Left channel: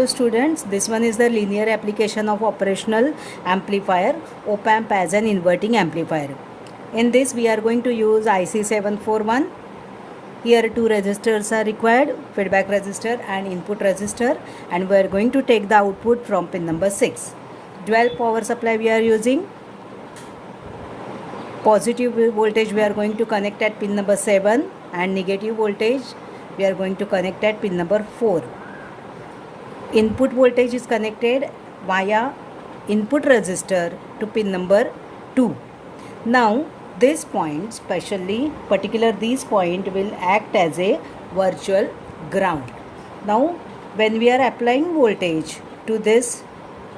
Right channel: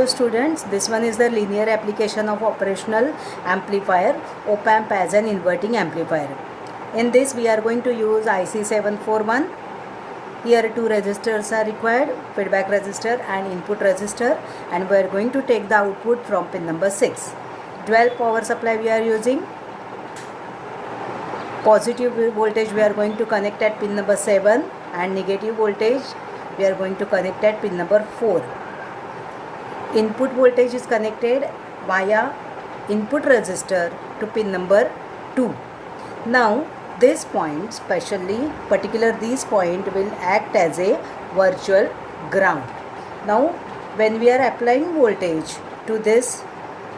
So students, this one is the linear application of operational amplifier, op-amp as an inverting amplifier. In this we are going to use IC 741. Here two resistors are required, feedback resistor and input resistor, and we are going to take the output from pin number 6. Dual power supply we are using. Positive voltage we are going to connect at pin number 7 and negative voltage we are going to connect at pin number 4. Input voltage is connected via input resistor to pin number 2. Now this point, particular this point will act as a virtual ground. Now when we are applying voltage to this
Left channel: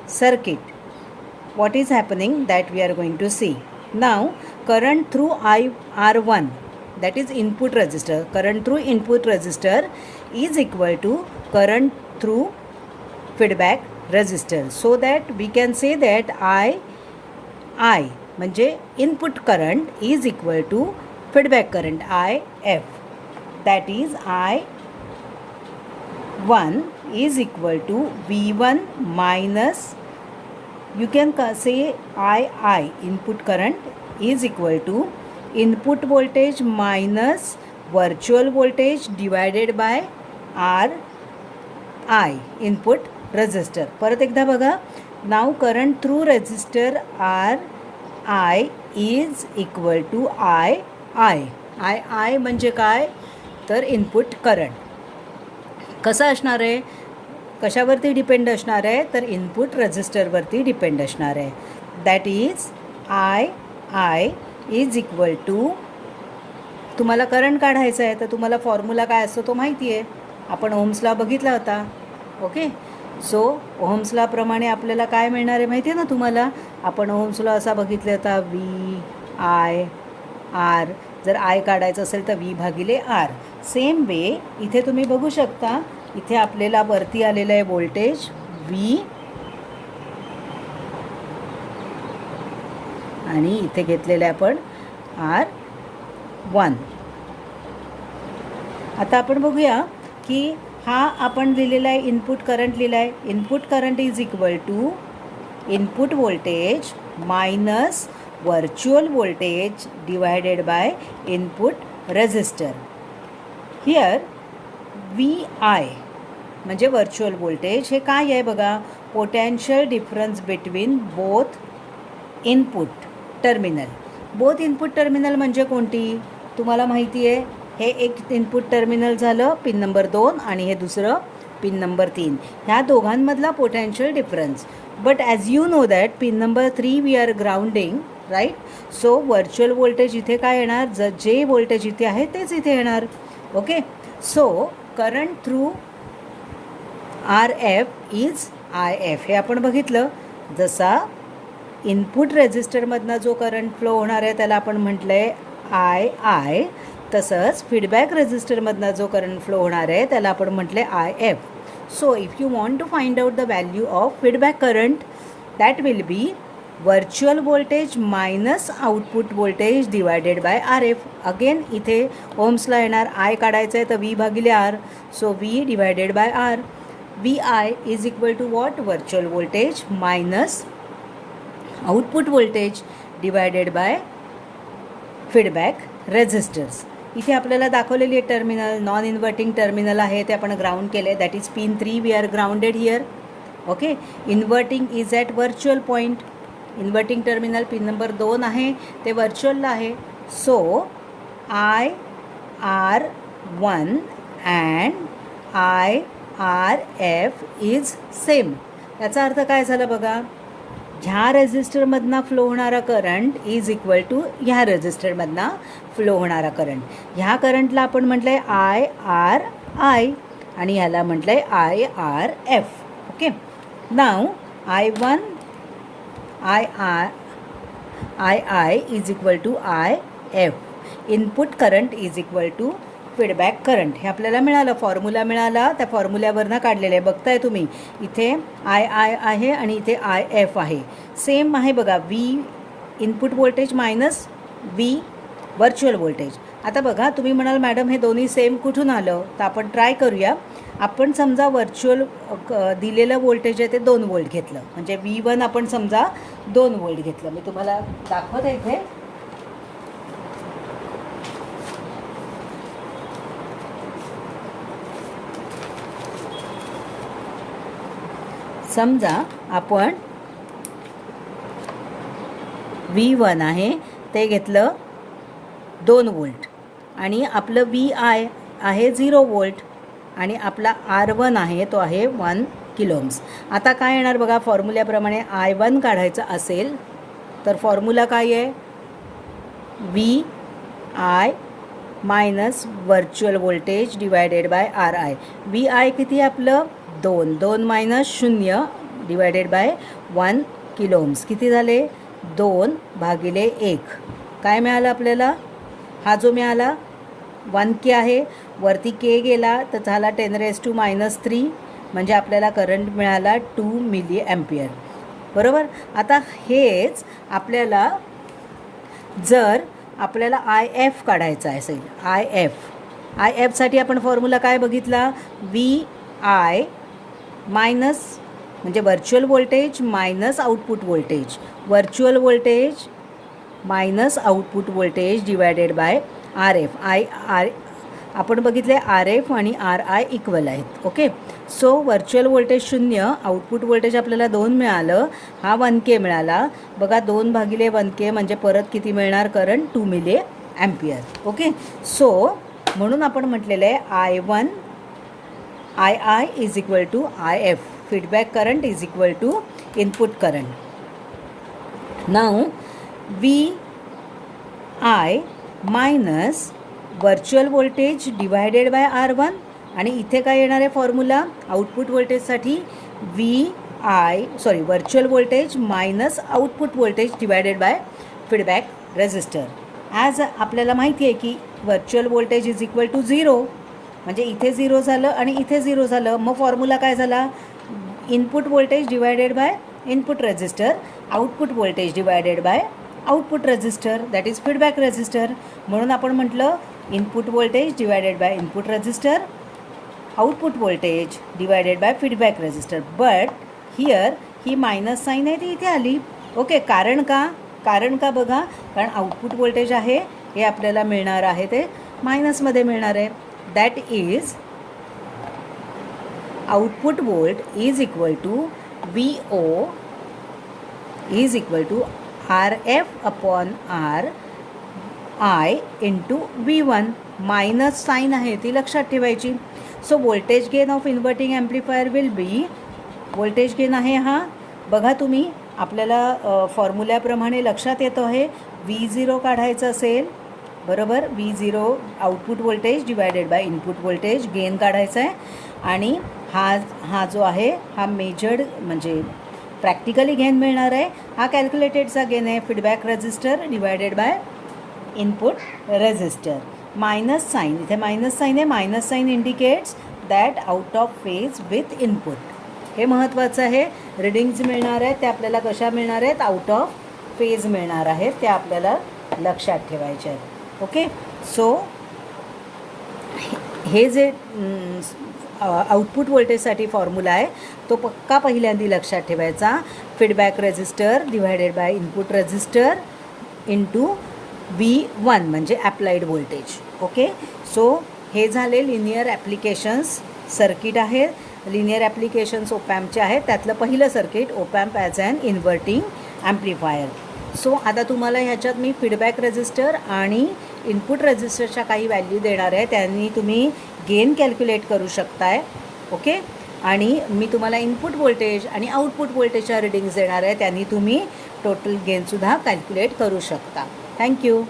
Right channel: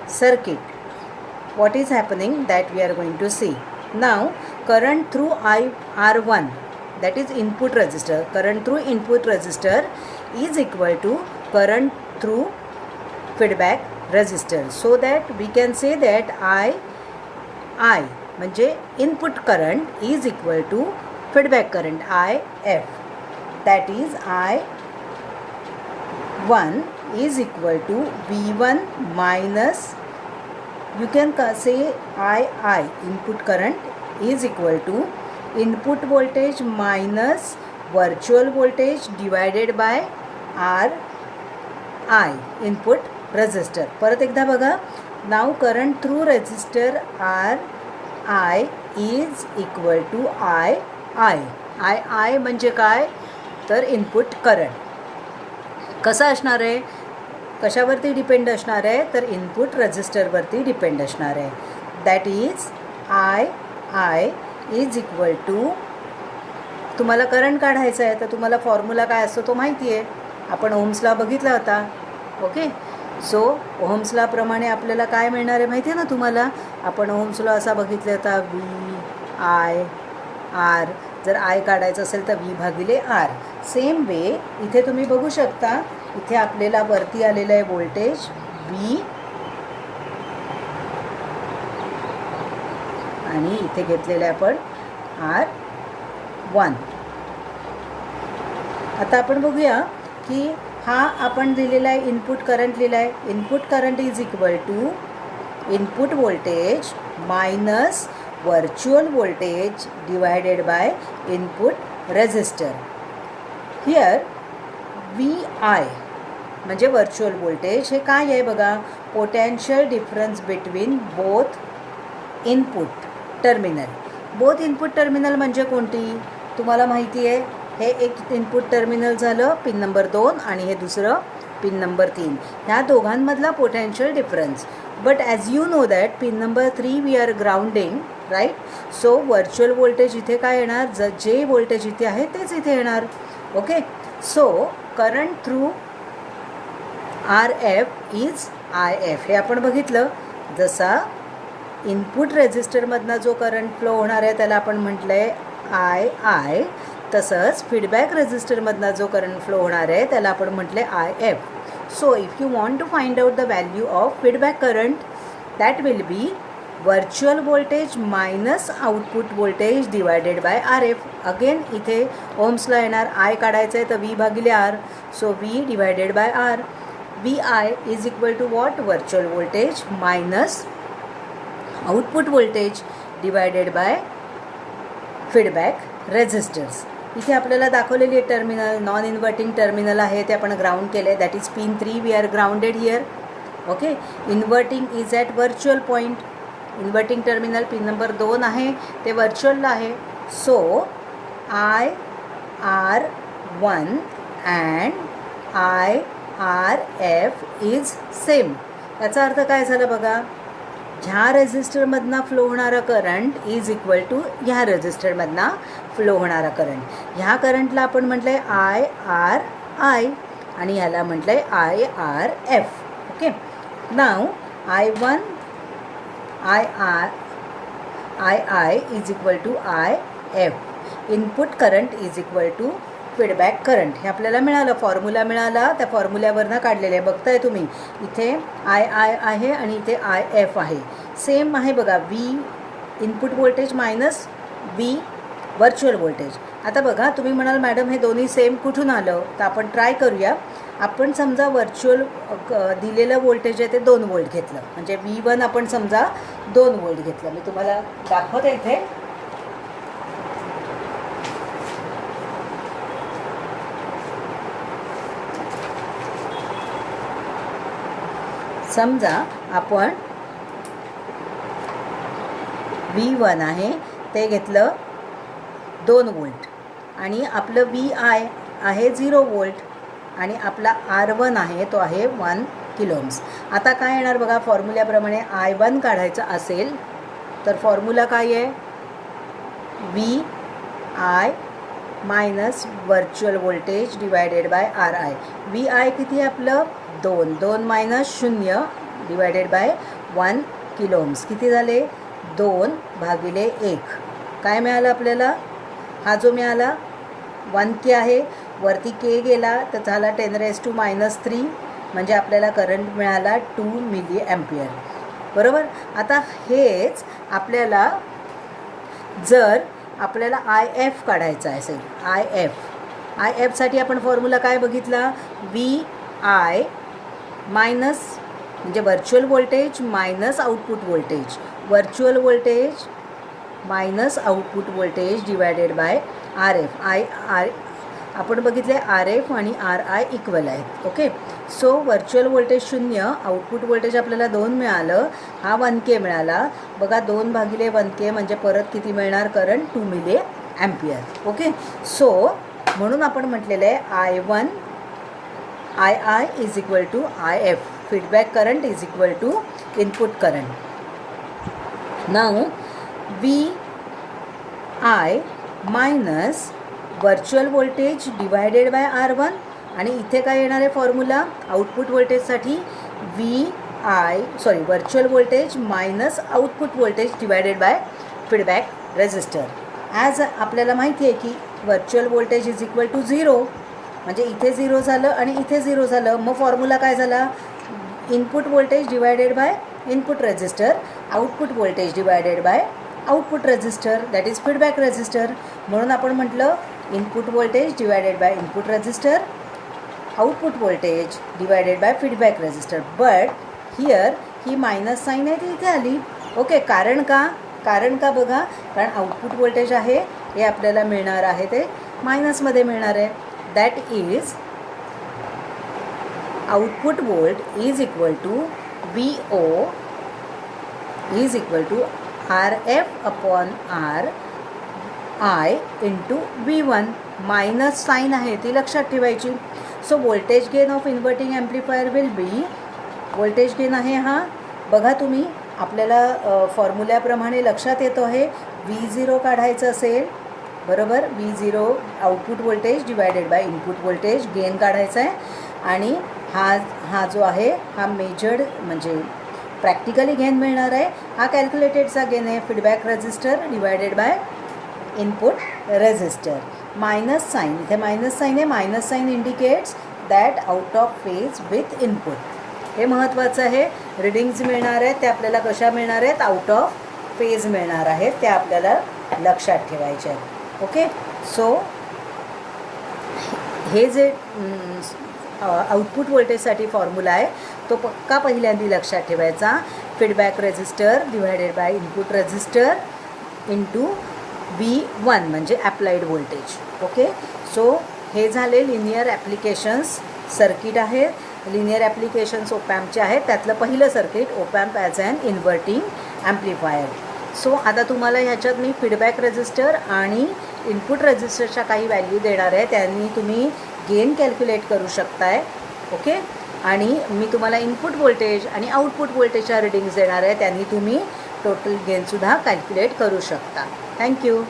circuit, what is happening that we are going to see. Now current through R1, that is input resistor, current through input resistor is equal to current through feedback resistor. So that we can say that I म्हणजे input current is equal to feedback current IF, that is I1 is equal to V1 minus, you can say II, input current is equal to input voltage minus virtual voltage divided by RI, input resistor. परत एकदा बघा. Now current through resistor RI is equal to II. II म्हणजे काय, तर input current. कसं असणार आहे, कशावरती depend असणार आहे, तर इनपुट रेजिस्टरवरती डिपेंड असणार आहे. That is I is equal to, तुम्हाला करंट काढायचं आहे तर तुम्हाला फॉर्म्युला काय असतो तो माहिती आहे, आपण ओम्स लॉ बघितला होता. ओके, सो ओम्स लॉ प्रमाणे आपल्याला काय मिळणार आहे माहिती आहे ना तुम्हाला. आपण ओम्स लॉ असा बघितला होता, VI R, जर I काढायचं असेल तर V भागिले R. सेम वे इथे तुम्ही बघू शकता, इथे आपल्याला वरती आलेलं आहे व्होल्टेज V आणि इथे घेतलेलं आहे आपण R1. आता आपण बघूया की हा आपण दिलेला आहे इनपुट करंट लिहिला आहे. Input current is equal to input voltage minus virtual voltage divided by input resistor. Here VI म्हणजे व्हर्च्युअल व्होल्टेज, हे काय आहे बघा, potential difference between both input terminal. Both input terminal म्हणजे कोणती तुम्हाला माहिती आहे. हे एक इनपुट टर्मिनल झालं पिन नंबर 2 आणि हे दुसरं पिन नंबर 3. ह्या दोघांमधला potential difference. But as you know that pin number 3 we are grounding, right. So virtual voltage इथे काय येणार, जे व्होल्टेज इथे आहे तेच इथे येणार. Okay, so current through RF is IF, हे आपण बघितलं. जसा इनपुट रेजिस्टरमधनं जो करंट फ्लो होणार आहे त्याला आपण म्हटलं आहे II, तसंच फीडबॅक रेजिस्टरमधनं जो करंट फ्लो होणार आहे त्याला आपण म्हटले IF. So if you want to find out the value of feedback current, that will be virtual voltage minus output voltage divided by RF. Again इथे ओम्सला येणार, I काढायचं आहे तर V भागिले R, so V divided by R. VI is equal to watt, virtual voltage minus output voltage divided by feedback resistors. इथे आपल्याला दाखवलेली आहे टर्मिनल, नॉन इन्व्हर्टिंग टर्मिनल आहे ते आपण ग्राउंड केले, that is pin 3 we are grounded here. Okay, inverting is at virtual point. Inverting terminal pin number 2 आहे ते व्हर्च्युअलला आहे. So IR1 and IRF is same. याचा अर्थ काय झाला बघा, ह्या रेजिस्टरमधनं फ्लो होणारा करंट इज इक्वल टू ह्या रेजिस्टरमधनं फ्लो होणारा करंट. ह्या करंटला आपण म्हटलं आहे IRI आणि ह्याला म्हटलं आहे IRF. ओके, नाव I1 II is equal to IF. Input current is equal to feedback current. हे आपल्याला मिळालं, फॉर्म्युला मिळाला, त्या फॉर्म्युल्यावरनं काढलेलं आहे. बघताय तुम्ही इथे II आहे आणि इथे IF आहे, सेम आहे बघा. V input voltage minus V virtual voltage. आता बघा, तुम्ही म्हणाल मॅडम हे दोन्ही सेम कुठून आलं, तर आपण ट्राय करूया. आपण समजा व्हर्च्युअल दिलेलं व्होल्टेज आहे ते 2 वोल्ट घेतलं, म्हणजे V1 आपण समजा 2 वोल्ट घेतलं. मी तुम्हाला दाखवते इथे. समजा आपण V1 आहे ते घेतलं 2 वोल्ट आणि आपलं VI आहे 0 वोल्ट आणि आपला R1 आहे तो आहे 1 किलो ओम्स. आता काय येणार बघा, फॉर्म्युल्याप्रमाणे I1 काढायचा असेल तर फॉर्म्युला काय आहे, VI minus virtual voltage divided by RI. VI किती आपलं 2 minus 0 divided by 1 kilo ohms. किती झाले 2 भागिले 1. काय मिळालं आपल्याला, हा जो मिळाला 1K आहे, वरती K गेला तर झाला 10⁻³ म्हणजे आपल्याला करंट मिळाला 2 मिली ॲम्पियर. बरोबर. आता हेच आपल्याला जर आपल्याला IF काढायचा असेल, IF साठी आपण फॉर्म्युला काय बघितला, VI मायनस म्हणजे virtual voltage minus output voltage, virtual voltage minus output voltage divided by RF. आपण बघितले RF आणि RI इक्वल आहेत. Okay. So virtual voltage 0, output voltage आपल्याला 2 मिळालं, हा 1K मिळाला. बघा 2 भागिले 1K म्हणजे परत किती मिळणार, current 2 milli ampere. Okay. So म्हणून आपण म्हटलेलं आहे II is equal to IF, feedback current is equal to input current. Now VI minus virtual voltage divided by R1 आणि इथे काय येणार आहे फॉर्म्युला आउटपुट व्होल्टेजसाठी, virtual voltage minus output voltage divided by feedback resistor. As आपल्याला माहिती आहे की virtual voltage is equal to 0, म्हणजे इथे 0 झालं आणि इथे 0 झालं. मग फॉर्म्युला काय झाला, input voltage divided by input resistor, output voltage divided by output resistor, that is feedback resistor. म्हणून आपण म्हटलं input voltage divided by input resistor, output voltage divided by feedback resistor. But here ही minus sign आहे ती इथे आली. Okay. कारण का बघा, कारण आउटपुट व्होल्टेज आहे हे आपल्याला मिळणार आहे ते मायनसमध्ये मिळणार आहे. That is output volt is equal to VO is equal to RF upon RI into V1. Minus sign आहे ती लक्षात ठेवायची. So voltage gain of inverting amplifier will be, voltage gain आहे हा बघा तुम्ही आपल्याला फॉर्म्युल्याप्रमाणे लक्षात येतो आहे. V0 काढायचं असेल, बरोबर, V0 output voltage divided by input voltage gain काढायचा आहे आणि हा जो आहे हा मेजर्ड म्हणजे प्रॅक्टिकली गेन मिळणार आहे. हा कॅल्क्युलेटेडचा गेन आहे, feedback resistor divided by input resistor. Minus sign, इथे मायनस साईन आहे, minus sign indicates that out of phase with input. हे महत्त्वाचं आहे. रिडिंग्ज मिळणार आहेत ते आपल्याला कशा मिळणार आहेत, आउट ऑफ फेज मिळणार आहेत, त्या आपल्याला लक्षात ठेवायचे आहेत. ओके. सो हे जे आउटपुट व्होल्टेजसाठी फॉर्म्युला आहे तो पक्का पहिल्यांदा लक्षात ठेवायचा, feedback resistor divided by input resistor into V1 म्हणजे ॲप्लाइड व्होल्टेज. ओके. सो हे झाले लिनियर ॲप्लिकेशन्स सर्किट आहे. लिनियर ॲप्लिकेशन्स ओपॅम्पचे आहेत, त्यातलं पहिलं circuit op amp as an inverting amplifier. So आता तुम्हाला ह्याच्यात मी फीडबॅक रेझिस्टर आणि इनपुट रेझिस्टरच्या काही व्हॅल्यू देणार आहे, त्यांनी तुम्ही गेन कॅल्क्युलेट करू शकताय. ओके. आणि मी तुम्हाला इनपुट व्होल्टेज आणि आउटपुट व्होल्टेजच्या रिडिंग्स देणार आहे, त्यांनी तुम्ही टोटल गेनसुद्धा कॅल्क्युलेट करू शकता. थँक्यू.